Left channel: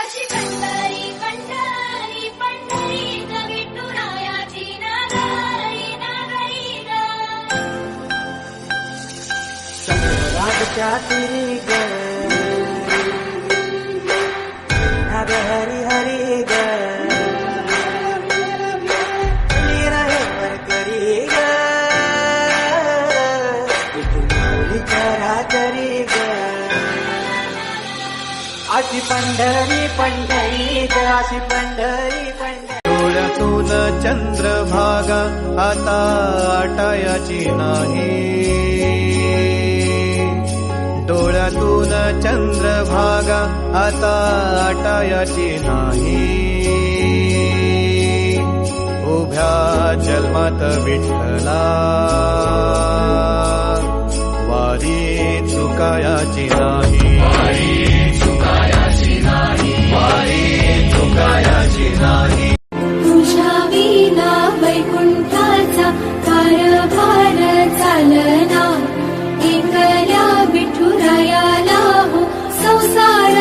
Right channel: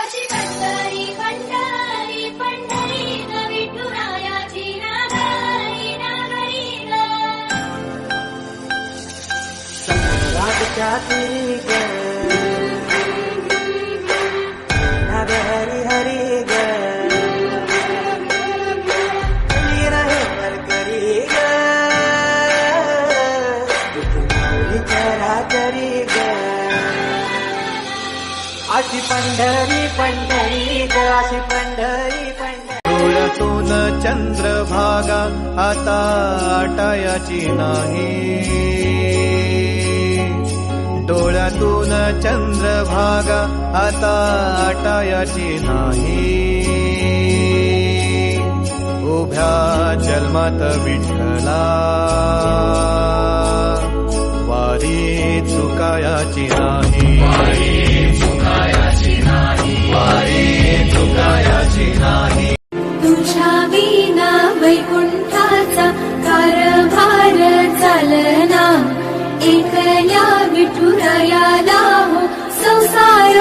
अशी पंढरी पंढरी पंढरी ग विठुरायाची नागरी नागरी ग. चंद्रभागच्या तिरी ग नाग हरी हरी ग रहे वरकरी ग विठुमाऊलीच्या राजरी ग. अशी पंढरी पंढरी ग अशी पंढरी पंढरी. डोळ्यातून चंद्रभागा आता आटायाची नाही. डोळ्यातून चंद्रभागा आता आटायाची नाही. उभ्या जन्मात विठ्ठला वारी चुकायाची नाही. वारी चुकायाची नाही. तुझ्या विना वैकुंठाचा कारभार चालना. एकल्या विठुरायाला हो संसार